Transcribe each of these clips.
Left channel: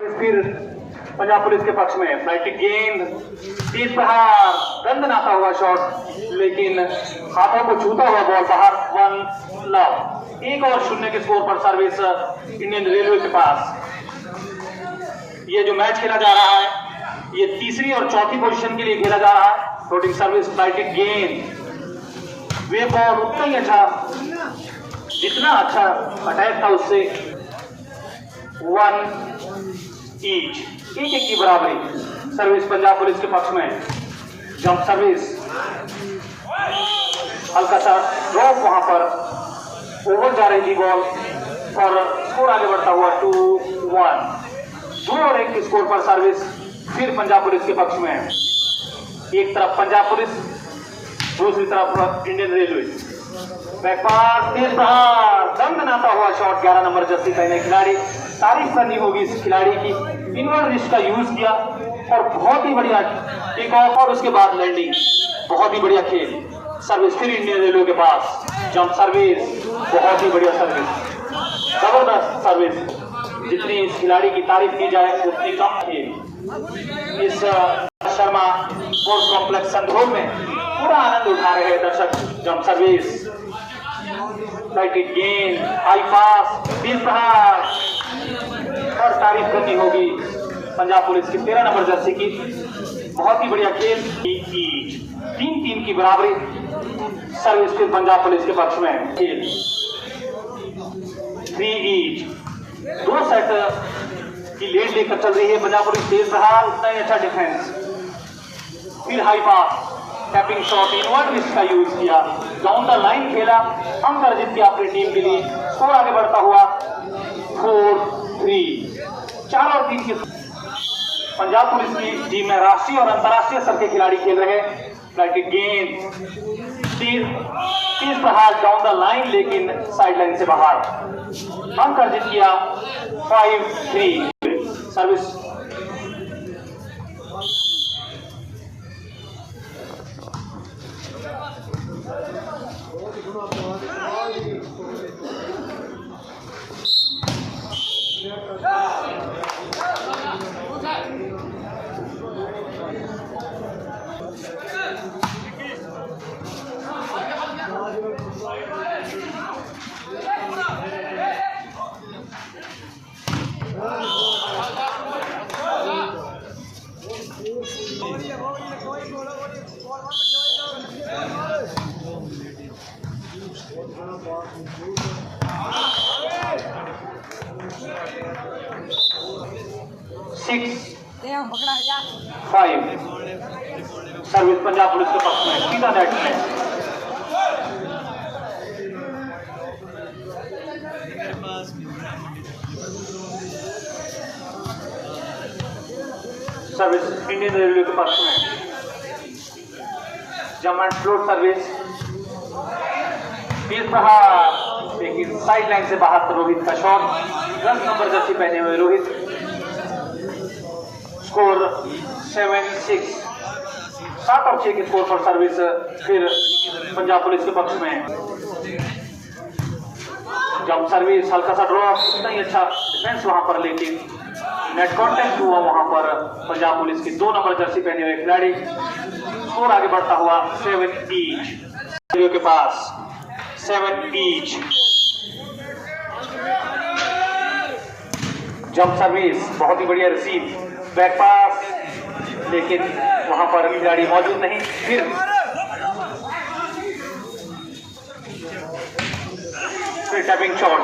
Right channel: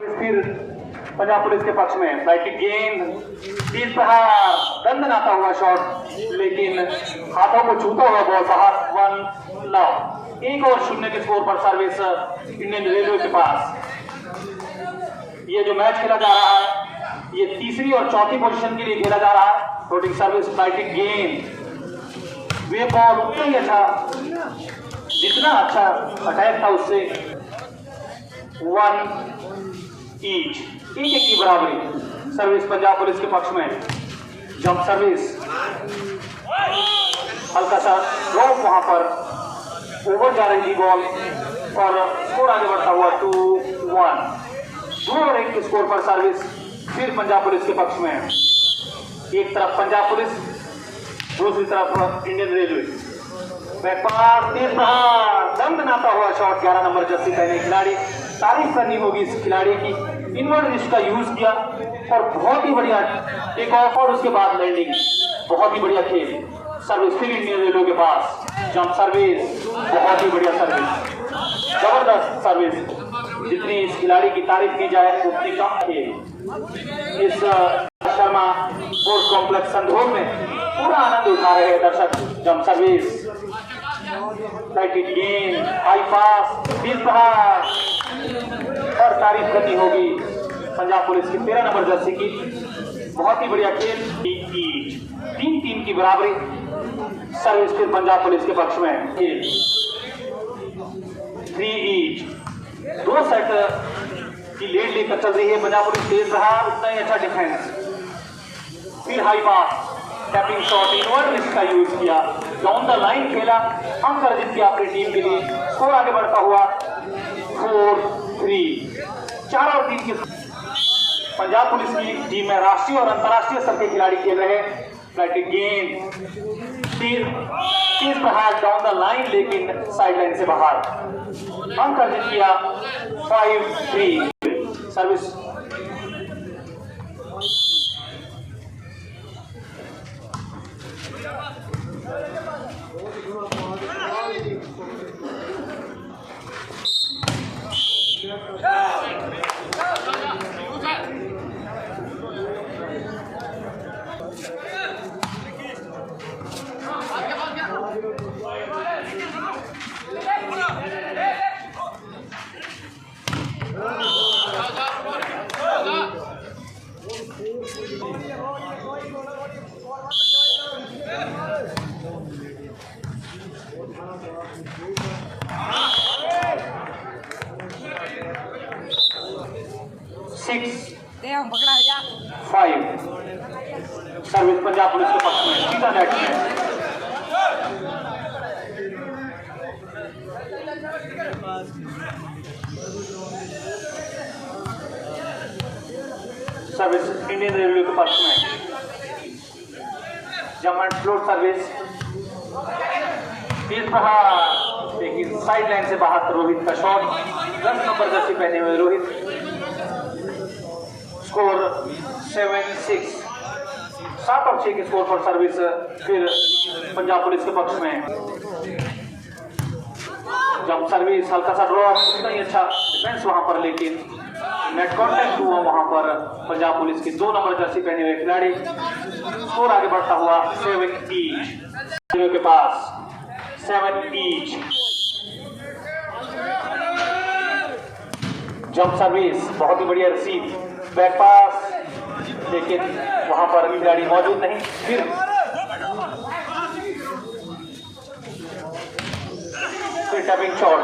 फिर पंजाब पुलिस के पक्ष में फ्लाइट गेंद, तेज प्रहार, दंड आता हुआ शॉट, लेकिन हाथों को छूता हुआ बॉल बाहर। 1 लॉ। 1-0 के स्कोर पर सर्विस इंडियन रेलवे के पास। ये जो मैच खेला जा रहा है ये तीसरी और चौथी पोजीशन के लिए खेला जा रहा है। फ्लोटिंग सर्विस, फ्लाइट गेंद, वे बॉल उतना ही अच्छा, जितना अच्छा अटैक था उससे 1 ईच, 1-1 की बराबरी। सर्विस पंजाब पुलिस के पक्ष में। जंप सर्विस, हल्का सा ड्रॉप, वहां पर ओवर जा रही थी बॉल और स्कोर आगे बढ़ता हुआ 2-1। 2-1 के स्कोर पर सर्विस फिर पंजाब पुलिस के पक्ष में। एक तरफ पंजाब पुलिस, दूसरी तरफ इंडियन रेलवे। व्यापार, तेज प्रहार, दम बनाता हुआ शॉट। 11 नंबर जर्सी पहने खिलाड़ी, तारीफ करनी होगी इस खिलाड़ी की। इनवर्ड रिस्ट का यूज किया और बहुत ही बढ़िया टेक ऑफ और उसके बाद लैंडिंग, बहुत ही बढ़िया खेल। सर्विस फिर इंडियन रेलवे के पास। जंप सर्विस, बहुत ही बढ़िया सर्विस, जबरदस्त सर्विस। जितनी इस खिलाड़ी की तारीफ की जाए उतनी कम थी। इस शर्मा स्पोर्ट्स कॉम्प्लेक्स संधोर में पूरा आनंद उठा रहे हैं दर्शक। जंप सर्विस, फ्लाइट गेंद, हाई पास, तेज प्रहार और तारीफ करनी होगी पंजाब पुलिस की 13 नंबर जर्सी की। बहुत ही बढ़िया खेल। 3-3 की बराबरी। सर्विस फिर पंजाब पुलिस के पक्ष में। खेल 3 ईच। 2 सेट की लीड लेकर चल रही है पंजाब पुलिस। तेज प्रहार, उतना ही अच्छा डिफेंस। फिर high pass, tapping shot, inward wrist का यूज किया, डाउन द लाइन खेला, अंक अर्जित किया अपनी टीम के लिए। स्कोर आगे बढ़ता हुआ 4-3। 4 और 3 की पंजाब पुलिस की टीम में राष्ट्रीय और अंतर्राष्ट्रीय स्तर के खिलाड़ी खेल रहे हैं। फ्लाइट गेंद, तेज प्रहार, डाउन द लाइन, लेकिन साइड लाइन से बाहर। अंक अर्जित किया 5-3। सर्विस पकड़ा 5। सर्विस पंजाब पुलिस के पक्ष में। सीधा नेट में। सर्विस इंडियन रेलवे के पक्ष में। जंप एंड फ्लोट सर्विस, तेज प्रहार, लेकिन साइड लाइन से बाहर रोहित का शॉट। 10 नंबर जर्सी पहने हुए रोहित। स्कोर 7-6। 7 और 6 के स्कोर पर सर्विस फिर पंजाब पुलिस के पक्ष में। जंप सर्विस, हल्का सा ड्रॉप, उतना ही अच्छा डिफेंस वहां पर, लेकिन नेट कॉन्टेक्ट हुआ वहां पर पंजाब पुलिस की 2 नंबर जर्सी पहने हुए खिलाड़ी। स्कोर आगे बढ़ता हुआ 7 ईच के पास। 7 ईच। जंप सर्विस, बहुत ही बढ़िया रिसीव, बैक पास, लेकिन वहां पर खिलाड़ी मौजूद नहीं। फिर टैपिंग शॉट।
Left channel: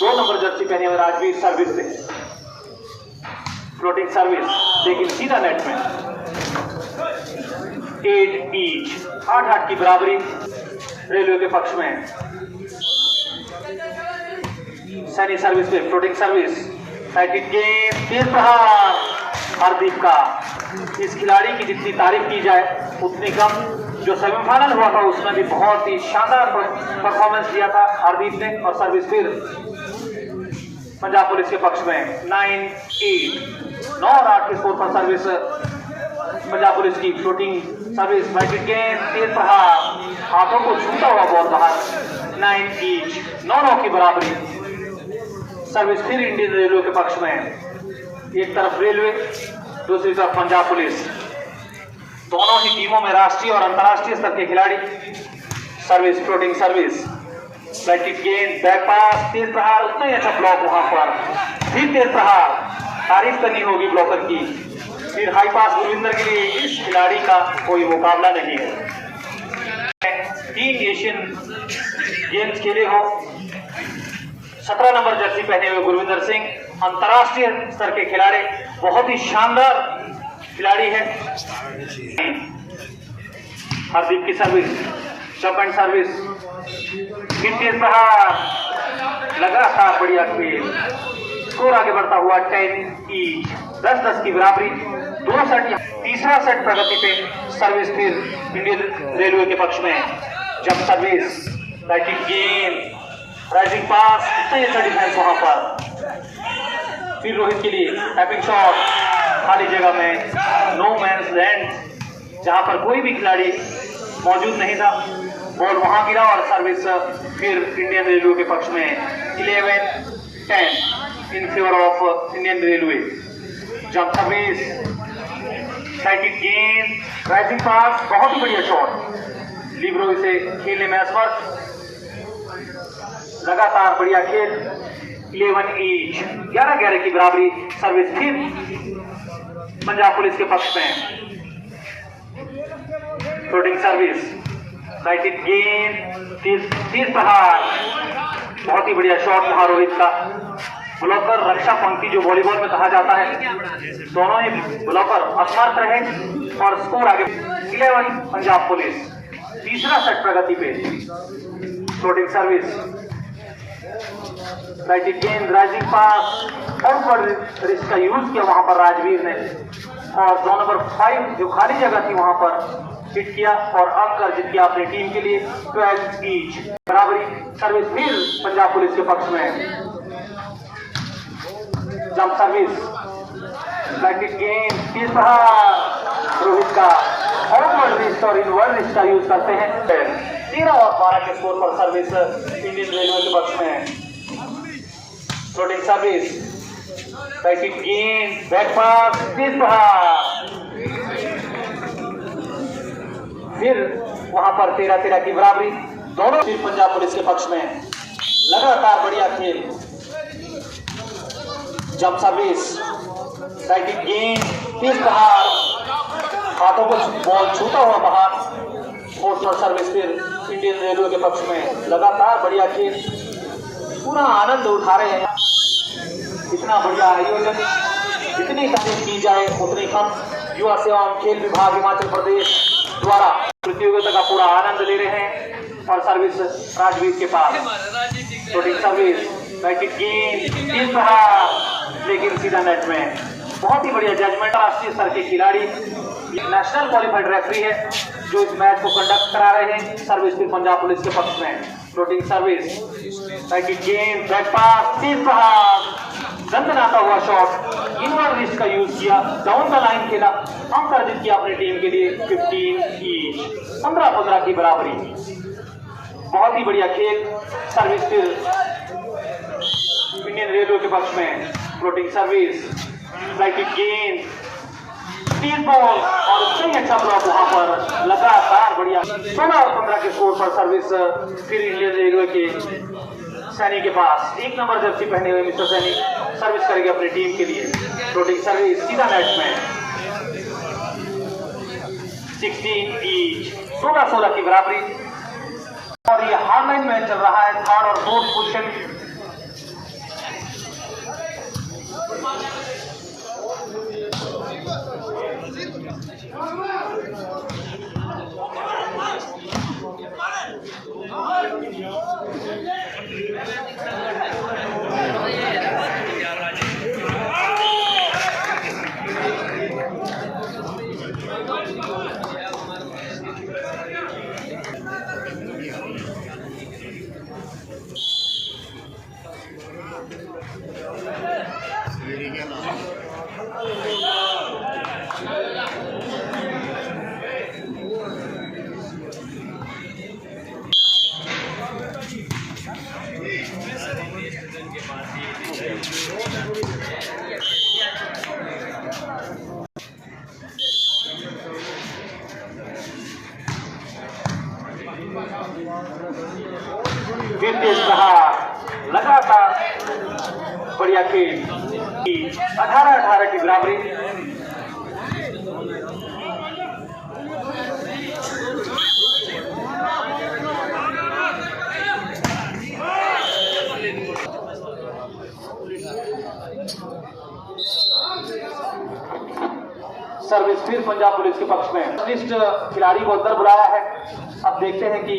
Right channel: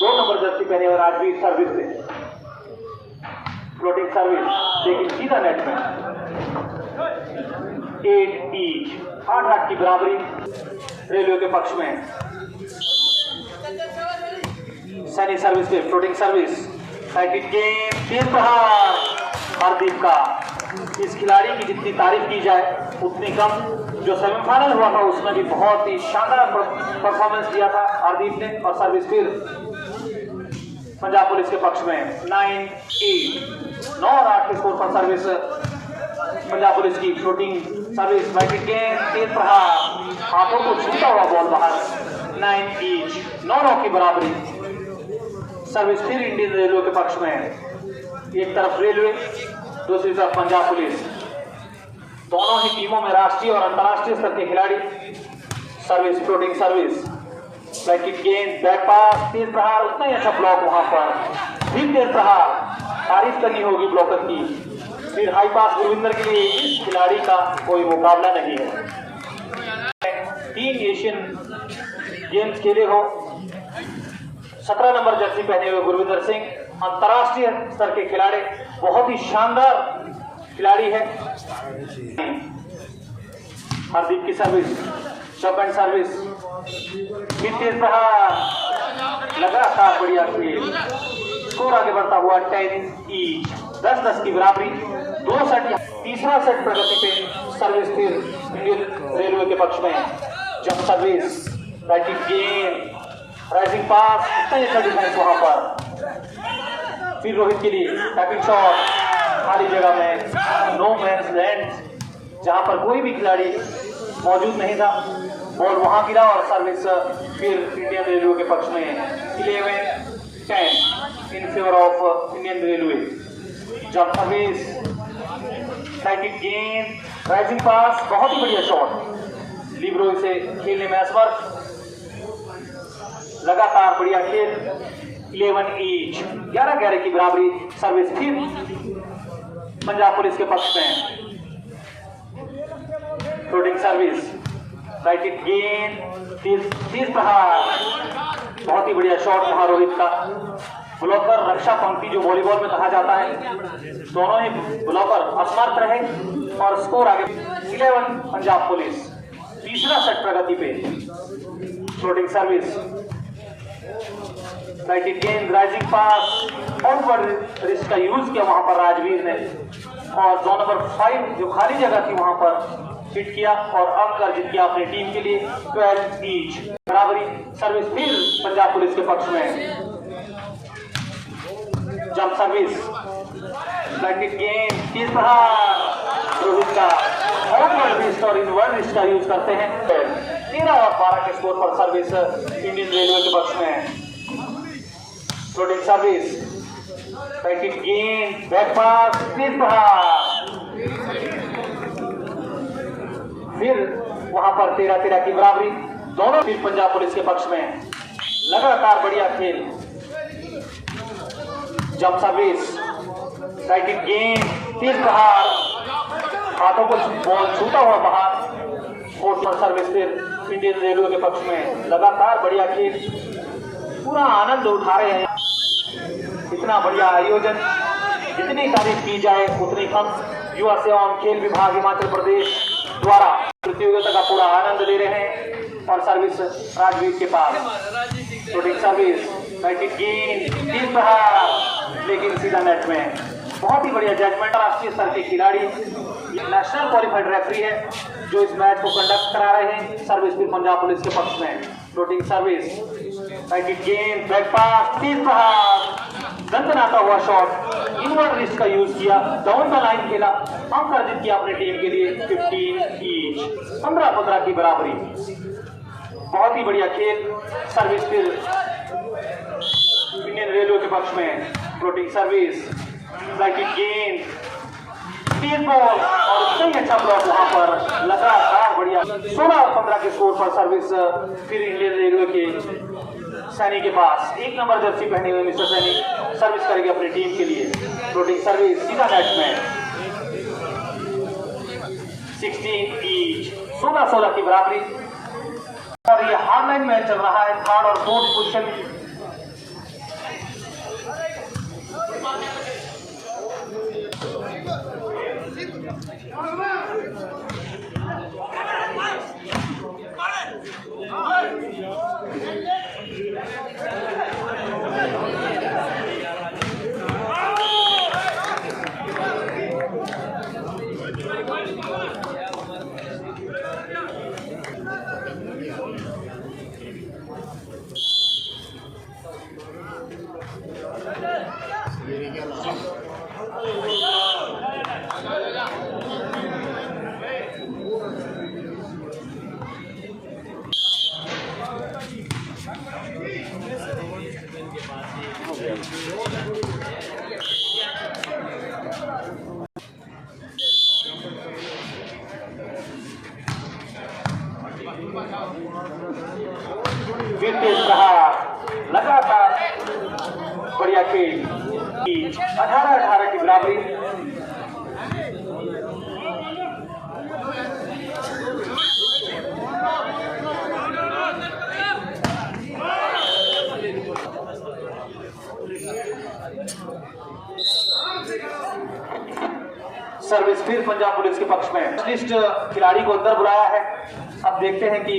दो नंबर जर्सी पहने हुए राजवीर सर्विस से। फ्लोटिंग सर्विस, लेकिन सीधा नेट में। 8 ईच। 8-8 की बराबरी रेलवे के पक्ष में। सैनी सर्विस पे फ्लोटिंग सर्विस, साइकिल गेंद, तेज प्रहार। हरदीप का, इस खिलाड़ी की जितनी तारीफ की जाए उतनी कम। जो सेमीफाइनल हुआ था उसमें भी बहुत ही शानदार परफॉर्मेंस दिया था हरदीप ने। और सर्विस फिर पंजाब पुलिस के पक्ष में। 9-8। 9 और 8 के स्कोर पर सर्विस पंजाब पुलिस की फ्लोटिंग सर्विस बैटिंग गेंद, तेज प्रहार, हाथों को छूता हुआ बॉल बाहर। 9 ईच, 9 की बराबरी। सर्विस फिर इंडियन रेलवे के पक्ष में। एक तरफ रेलवे, दूसरी तरफ पंजाब पुलिस। दोनों ही टीमों में राष्ट्रीय और अंतर्राष्ट्रीय स्तर के खिलाड़ी। सर्विस फ्लोटिंग सर्विस, बैटिंग गेंद, बैक पास, तेज प्रहार, उतना ही अच्छा ब्लॉक वहां पर। फिर तेज प्रहार, तारीफ करनी होगी ब्लॉकर की। फिर हाई पास गुरविंदर के लिए इस खिलाड़ी का कोई मुकाबला नहीं है। 3 एशियन गेम्स खेले हो। 17 नंबर जर्सी पहने हुए गुरविंदर सिंह अंतर्राष्ट्रीय स्तर के खिलाड़ी, बहुत ही शानदार खिलाड़ी है। हरदीप की सर्विस, जंप एंड सर्विस, तेज प्रहार, लगातार बढ़िया खेल। स्कोर आगे बढ़ता हुआ 10 ईच, 10-10 की बराबरी। 2 सेट, तीसरा सेट प्रगति पे। सर्विस फिर इंडियन रेलवे के पक्ष में। जंप सर्विस, बैटिंग गेंद, राइजिंग पास, डिफेंस वहां पर। फिर रोहित के लिए टैपिंग शॉट, खाली जगह में, नो मैंस लैंड, जहां पर कोई भी खिलाड़ी मौजूद नहीं था, बॉल वहां गिरा और सर्विस फिर इंडियन रेलवे के पक्ष में। 11-10 in favour of Indian railway. Jump service, batting गेंद, राइजिंग पास, बहुत ही बढ़िया शॉट। लिब्रो इसे खेलने में असमर्थ। लगातार बढ़िया खेल। 11 ईच, 11-11 की बराबरी। सर्विस फिर पंजाब पुलिस के पक्ष में। फ्लोटिंग सर्विस, बैटिंग गेंद, तेज प्रहार, बहुत ही बढ़िया शॉट वहां रोहित का। ब्लॉकर रक्षा पंक्ति जो वॉलीबॉल में कहा जाता है, दोनों ही ब्लॉकर असमर्थ रहे और स्कोर आगे 11 पंजाब पुलिस। तीसरा सेट प्रगति पे। फ्लोटिंग सर्विस, बैटिंग गेंद, राइजिंग पास, आउटवर्ड रिस्ट का यूज किया वहां पर राजवीर ने और जोन नंबर 5 जो खाली जगह थी वहां पर हिट किया और अंक अर्जित किया अपनी टीम के लिए। 12 ईच, बराबरी। सर्विस फिर पंजाब पुलिस के पक्ष में। जंप सर्विस, बैटिंग गेंद, तेज प्रहार, रोहित का आउटवर्ड रिस्ट और इनवर्ड रिस्ट का यूज करते हैं। 13 और 12 के स्कोर पर सर्विस इंडियन रेलवे के पक्ष में। फ्लोटिंग सर्विस, बैटिंग गेंद, बैक पास, तेज प्रहार, फिर वहां पर 13-13 की बराबरी। दोनों फिर पंजाब पुलिस के पक्ष में। लगातार बढ़िया खेल। जंप सर्विस, बैटिंग गेंद, तेज प्रहार, हाथों को बॉल छूता हुआ बाहर। फोर्थ सर्विस फिर इंडियन रेलवे के पक्ष में। लगातार बढ़िया खेल, पूरा आनंद उठा रहे हैं। इतना बढ़िया आयोजन, जितनी तारीफ की जाए उतनी कम। युवा सेवा एवं खेल विभाग हिमाचल प्रदेश द्वारा प्रतियोगिता का पूरा आनंद ले रहे हैं और सर्विस राजवीर के पास। फ्लोटिंग सर्विस, बैटिंग गेंद, तेज प्रहार, लेकिन सीधा नेट में। बहुत ही बढ़िया जजमेंट। राष्ट्रीय स्तर के खिलाड़ी, नेशनल क्वालिफाइड रेफरी है जो इस मैच को कंडक्ट करा रहे हैं। सर्विस फिर पंजाब पुलिस के पक्ष में। फ्लोटिंग सर्विस, बैटिंग गेंद, बैक पास, तेज प्रहार, दंदनाता हुआ शॉट, इनवर्ड रिस्ट का यूज किया, डाउन द लाइन खेला, अंक अर्जित किया अपनी टीम के लिए। 15 ईच, 15-15 की बराबरी। बहुत ही बढ़िया खेल। सर्विस फिर इंडियन रेलवे के पक्ष में। फ्लोटिंग सर्विस, बैटिंग गेंद, तेज बॉल और सही अच्छा ब्लॉक वहां पर। लगातार बढ़िया। 16 और 15 के स्कोर पर सर्विस फिर इंडियन रेलवे के सैनी के पास। 1 नंबर जर्सी पहने हुए मिस्टर सैनी सर्विस करेंगे अपनी टीम के लिए। फ्लोटिंग सर्विस, सीधा नेट में। 16 ईच, 16-16 की बराबरी। और ये हार्डलाइन मैच चल रहा है। 3rd और 4th पोजीशन। फिर तेज प्रहार, लगातार बढ़िया खेल, 18-18 की बराबरी। सर्विस फिर पंजाब पुलिस के पक्ष में। लिस्ट खिलाड़ी को अंदर बुलाया है। अब देखते हैं कि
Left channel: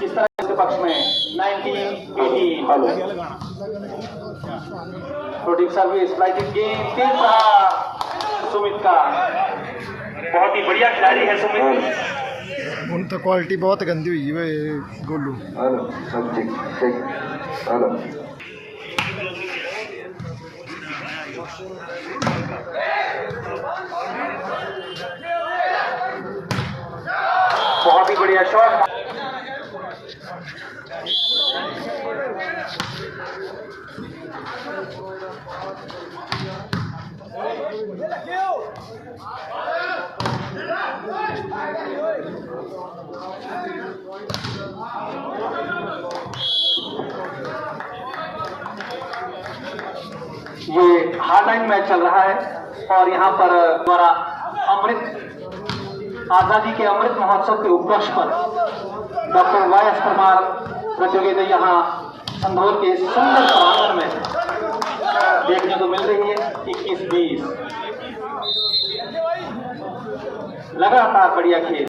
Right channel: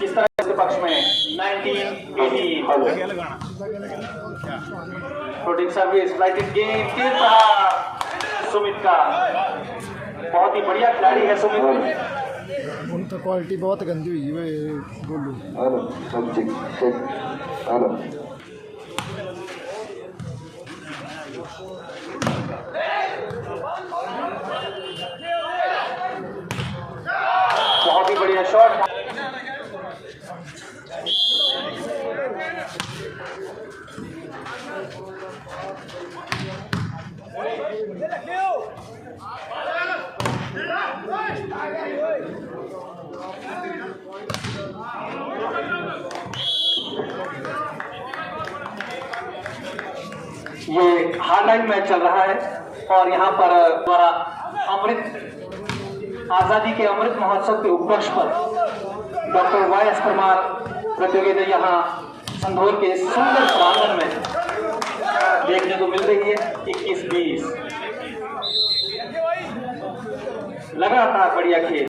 किस तरह इसके पक्ष में 19-18 शूटिंग सर्विस, फ्लाइटिंग गेम, तीन सुमित का बहुत ही बढ़िया खिलाड़ी है सुमित। ਹੁਣ ਤਾਂ ਕੁਆਲਿਟੀ ਬਹੁਤ ਗੰਦੀ ਹੋਈ ਵੇ ਗੋਲੂ। बहुत ही बढ़िया शॉट। ये हार्डलाइन मैच चल रहा है और यहाँ पर द्वारा अमृत आजादी के अमृत महोत्सव के उपलक्ष्य पर डॉक्टर वाई.एस. परमार प्रतियोगिता यहाँ संधोल के सुंदर प्रांगण में देखने को मिल रही है। 21-20 लगातार बढ़िया खेल।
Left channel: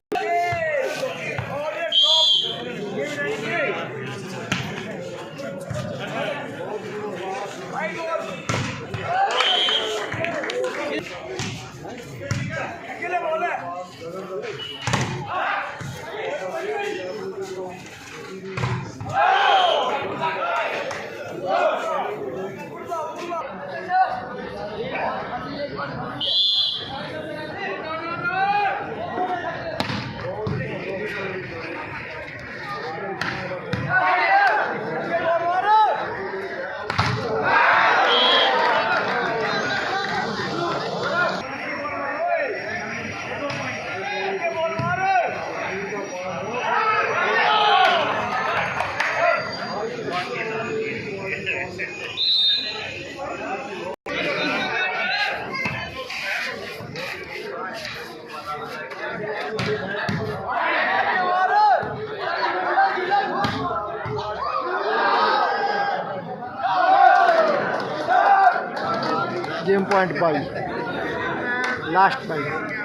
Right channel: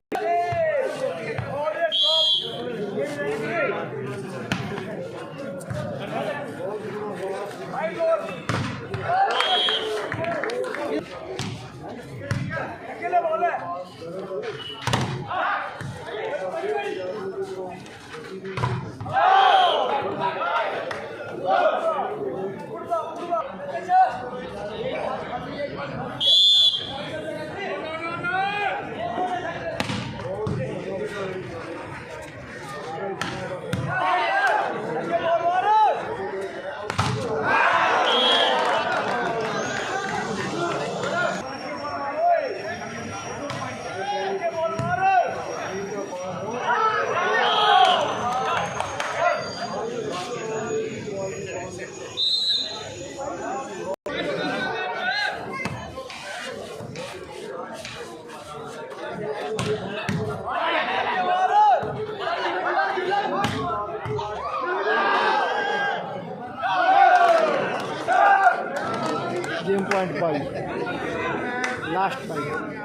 गेम पॉइंट पाई लास्ट पाई।